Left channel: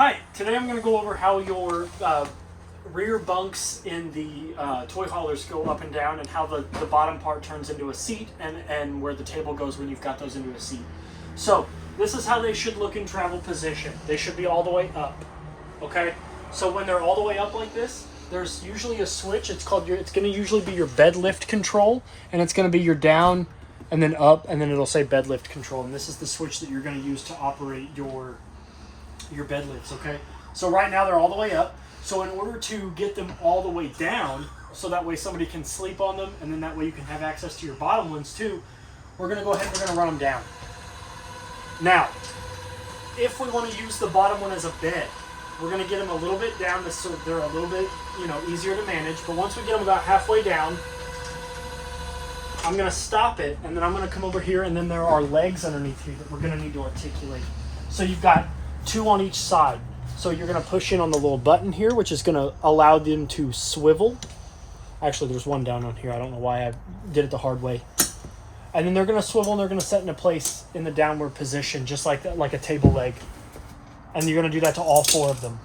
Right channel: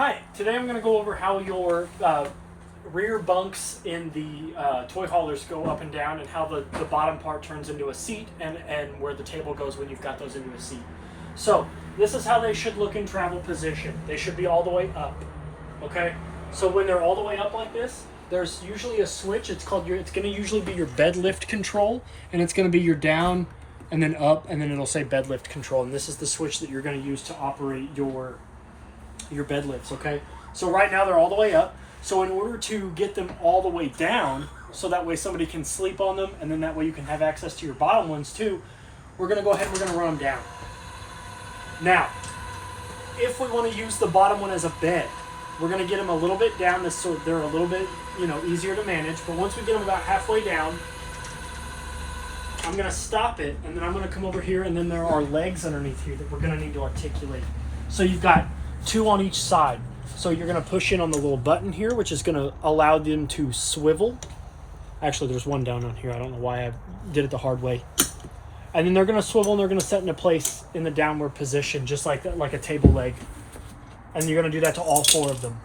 Hi, today I'm going to go over how your rear bunks in the toy haulers go up and down, and how the bottom part turns into a seat, and where the table goes when you've got those into a seat. So this is how they should look in travel position. They should be all the way up. Okay, so when they're all the way up like this, there's usually a switch. It's going to usually be your bed lift control, and it's going to be your down and then up, and then it'll say bed lift control, and this is the switch that you're going to use to operate your bed lifts. Okay, so right now they're all the way up. So in order to get them all the way down, so that way somebody can sleep on them, and then that way you can have access to your bottom ones too, we're going to go ahead and we're going to run them down. Now, if we want to use the bottom one as a bed, we're going to get them a little bit down so they're a little bit, easier to manage. But once we get them about halfway down, I'm going to stop it, and then I'm going to come over here, and then there are legs underneath here that we're going to need to articulate. So you've got two on each side. So you're going to push in on the little button here, which is going to allow them to swivel. Actually, there's one down on here. I don't know why I did it the hard way. And then they're going to swivel, and they're going to set into place in the downward position, just like that, like a table leg. And you're going to do that to all four of them.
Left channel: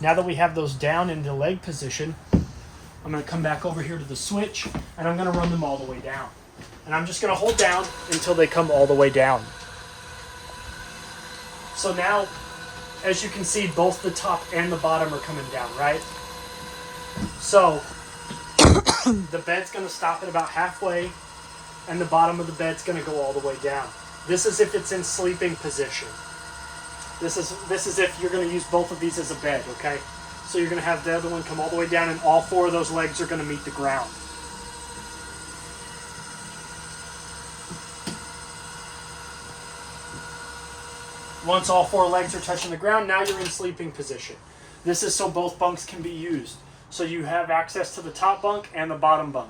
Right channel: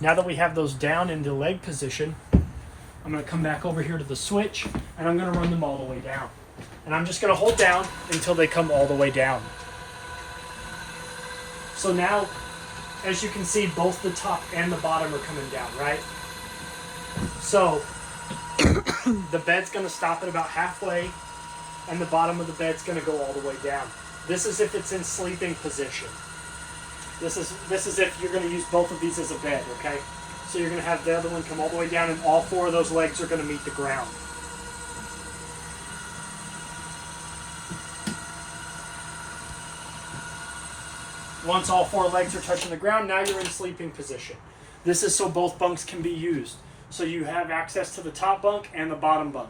Now that we have those down into leg position, I'm going to come back over here to the switch, and I'm going to run them all the way down. And I'm just going to hold down until they come all the way down. So now, as you can see, both the top and the bottom are coming down, right? So the bed's going to stop at about halfway, and the bottom of the bed's going to go all the way down. This is if it's in sleeping position. This is if you're going to use both of these as a bed, okay? So you're going to have the other one come all the way down, and all four of those legs are going to meet the ground. Once all four legs are touching the ground, now you're in sleeping position. This is so both bunks can be used. So you have access to the top bunk and the bottom bunk.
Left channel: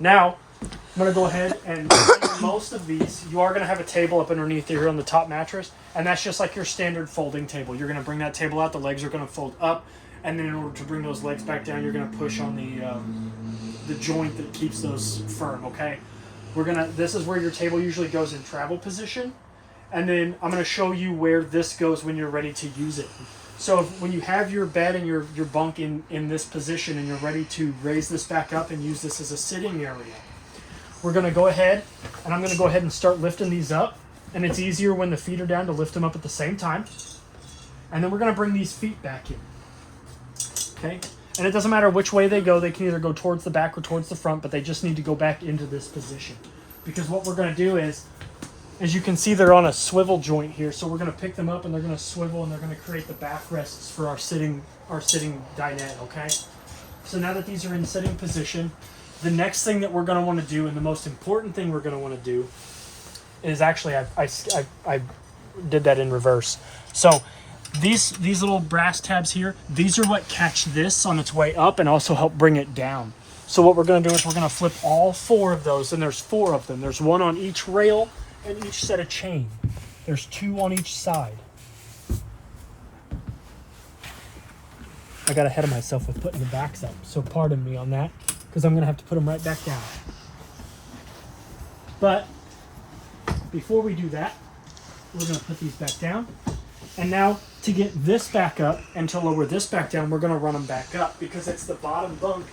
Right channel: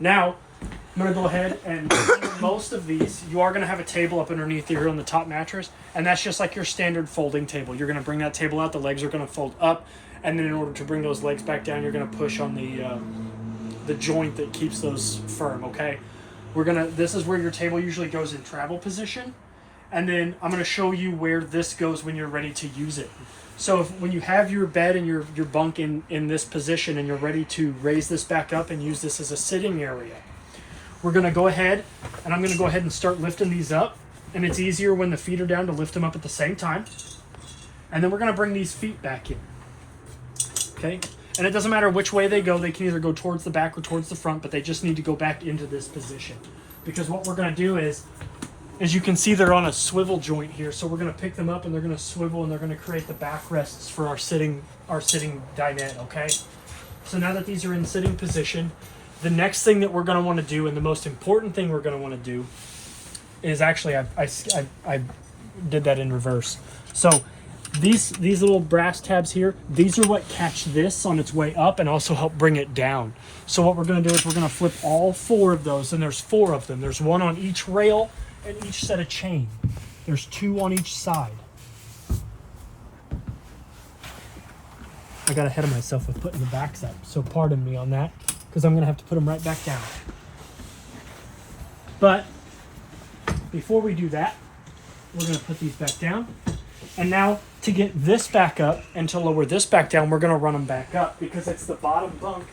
Now, I'm going to go ahead and most of these, you are going to have a table up underneath here on the top mattress, and that's just like your standard folding table. You're going to bring that table out, the legs are going to fold up, and then in order to bring those legs back down, you're going to push on the joint that keeps those firm, okay? This is where your table usually goes in travel position. And then I'm going to show you where this goes when you're ready to use it. So when you have your bed and your bunk in this position, and you're ready to raise this back up and use this as a sitting area, we're going to go ahead, and I'm going to go ahead and start lifting these up. And it's easier when the feet are down to lift them up at the same time. And then we're going to bring these feet back in. Okay? And it doesn't matter which way they go. They can either go towards the back or towards the front, but they just need to go back into this position. Because what we're going to do is, as you can see, they're on a swivel joint here, so we're going to pick them up and they're going to swivel, and they're going to create the backrests for our sitting dinette, okay? So now that these are in sitting position, the next thing that we're going to want to do, and the most important thing we're going to want to do, is actually, I did that in reverse. So these little brass tabs here, these are what catch this on its way up and also help bring it down. So what we're going to do is we're going to flip all four of those, and there's four of them. There's one on each rail and each set of chain. There's two on each side. I got ahead of myself with putting the backs up, so pardon me on that, because I'm going to have to put them right back down. But before we do that, we're going to put these back down. And now to get this back up and to lower this back down, we're going to run them back up, because it's the bottom bunk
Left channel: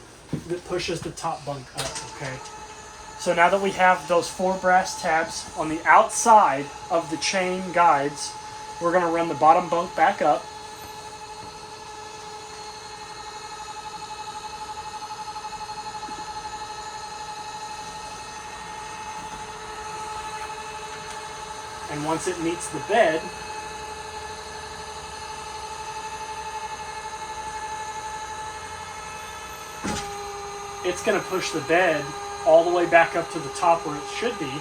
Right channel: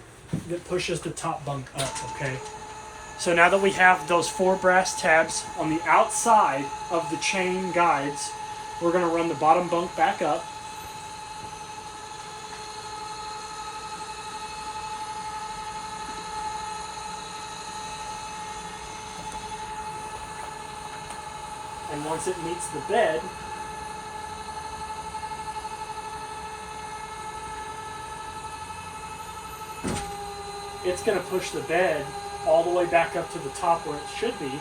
that pushes the top bunk up, okay? So now that we have those four brass tabs on the outside of the chain guides, we're going to run the bottom bunk back up. And once it meets the bed, it's going to push the bed all the way back up to the top where it should be.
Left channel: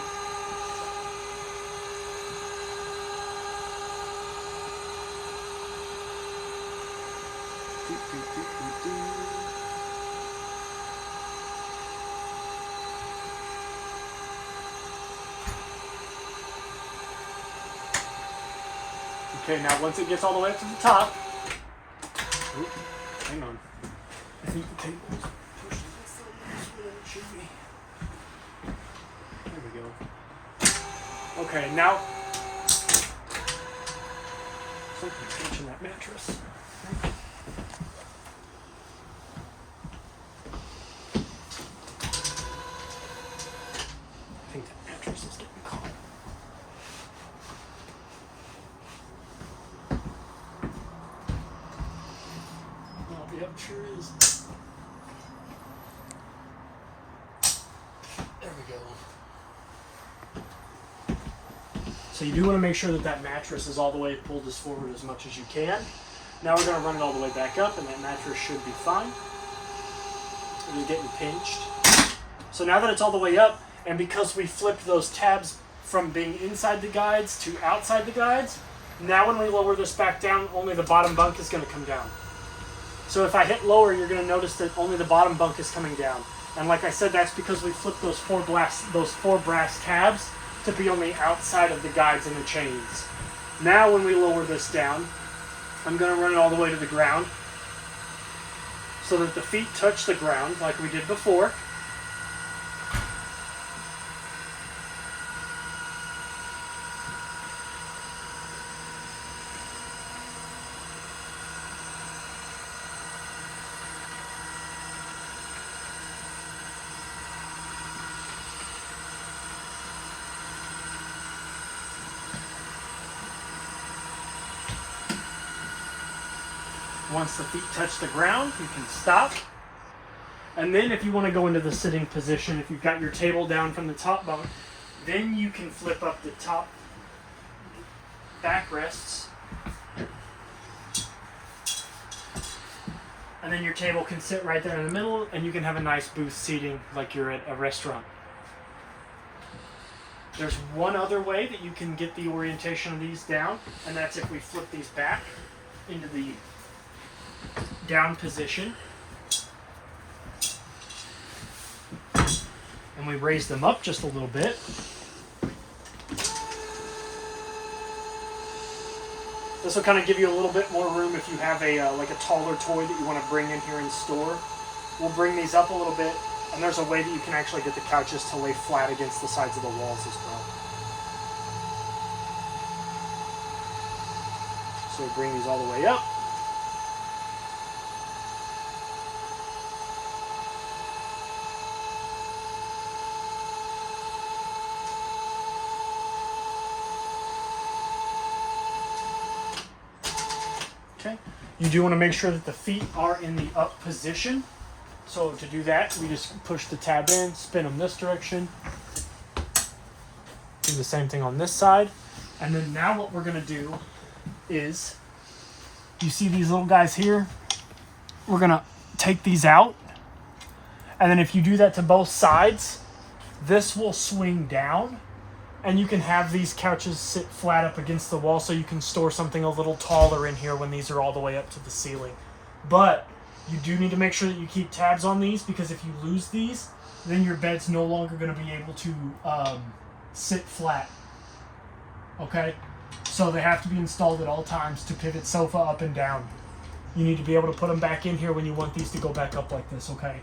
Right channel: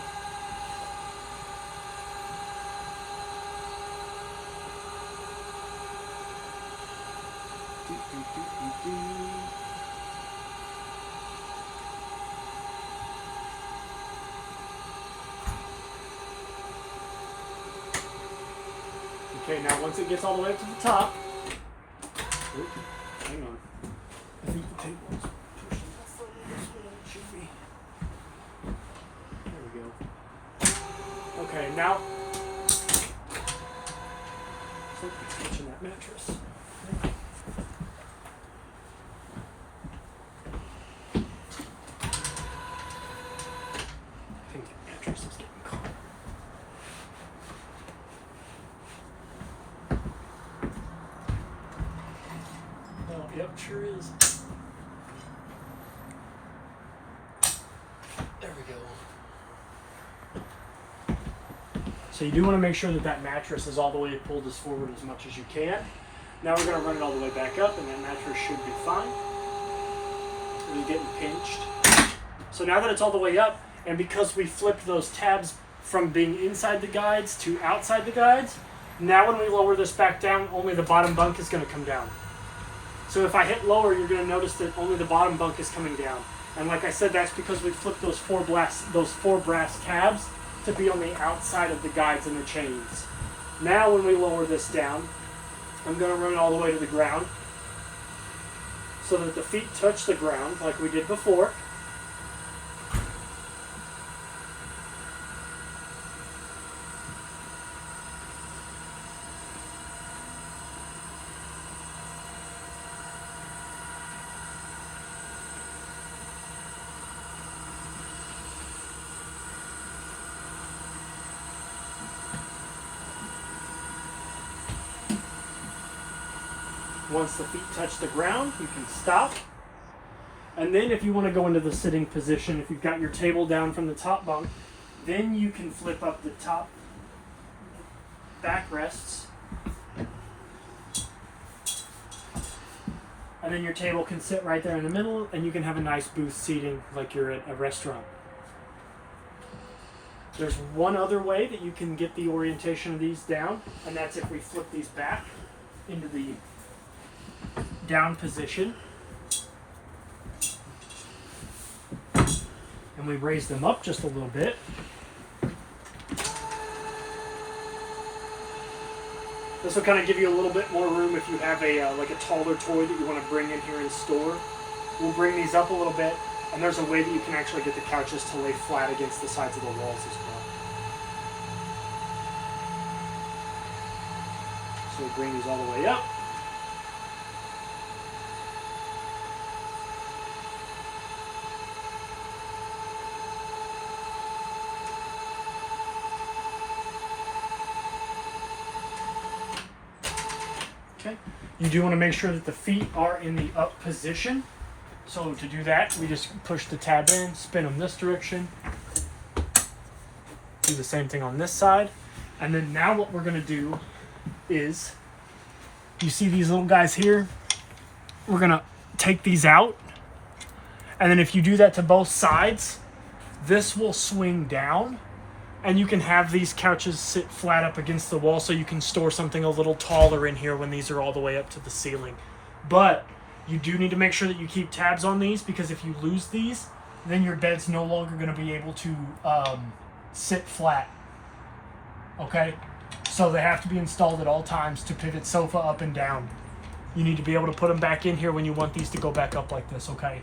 Okay, now once it gets all the way up to the top, hang on. I need to take those. Push them further than it should be. There we go. Okay, now tension that mattress. I think that mattress is getting caught. Oh, yep, sure is. There we go. So you do want to make sure that that mattress is all the way pulled as forward as much as you can. Now we're going to run it all the way back up, and that mattress should be fine. And you're getting pinched. So now that it's all the way up, and because we flipped those tabs from being inside the guides to outside the guides, now when we lower this back down, only the bottom bunk is going to come down. So if I hit lower, you're going to notice that only the bottom bunk is coming down. And like I said, that's because we flipped those four brass tabs to be on the outside of the guides and the chains. Now when we lower this down, I'm going to run it all the way to the ground so that the feet touch the ground like we did before. Once the feet touch the ground, you can stop. And then if you want to go into the sitting position, if you've got your table down from the top bunk, then you can flip up the top backrests. And then your table can sit right there in the middle, and you can have a nice booth seating like you're at a restaurant. There's one other way that you can get the orientation of these down, and that's if we flip these back into the down position and we raise them up just a little bit. This will kind of give you a little bit more room if you have a like a taller toy that you want to bring in here and store. We'll bring these up a little bit, and there's a way that you can actually get the couches to lay flat against the sides of the walls as well. So we bring these all the way up. Okay. You do want to make sure that the feet are in the up position. So to do that, we just push the tab in, spin them this direction. Do the same thing on this side. And then now what we're going to do is, you see these little guys here? We're going to take these out. And then if you do that to both sides, this will swing down. And you can have these couches sit flat up against the wall so you can store something a little taller in here when these are all the way up to the ceiling. But you do need to make sure that you keep tabs on these, because if you lose these, then your bed's no longer going to be able to sit flat. Okay? So they have to be installed at all times to pivot sofa up and down. You need to be able to put them back in here when you want these to go back up like this, okay?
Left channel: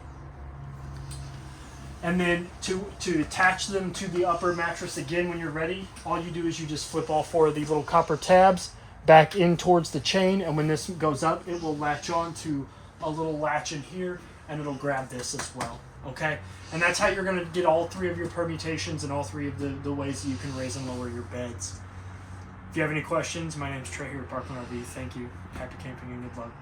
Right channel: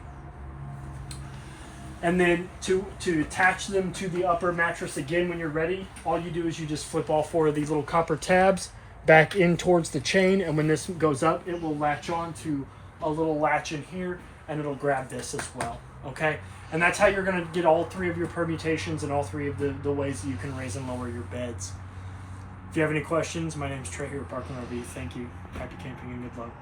And then to attach them to the upper mattress again when you're ready, all you do is you just flip all four of these little copper tabs back in towards the chain, and when this goes up, it will latch on to a little latch in here, and it'll grab this as well, okay? And that's how you're going to get all three of your permutations and all three of the ways that you can raise and lower your beds. If you have any questions, my name is Trey here at Parkland RV. Thank you. Happy camping and good luck.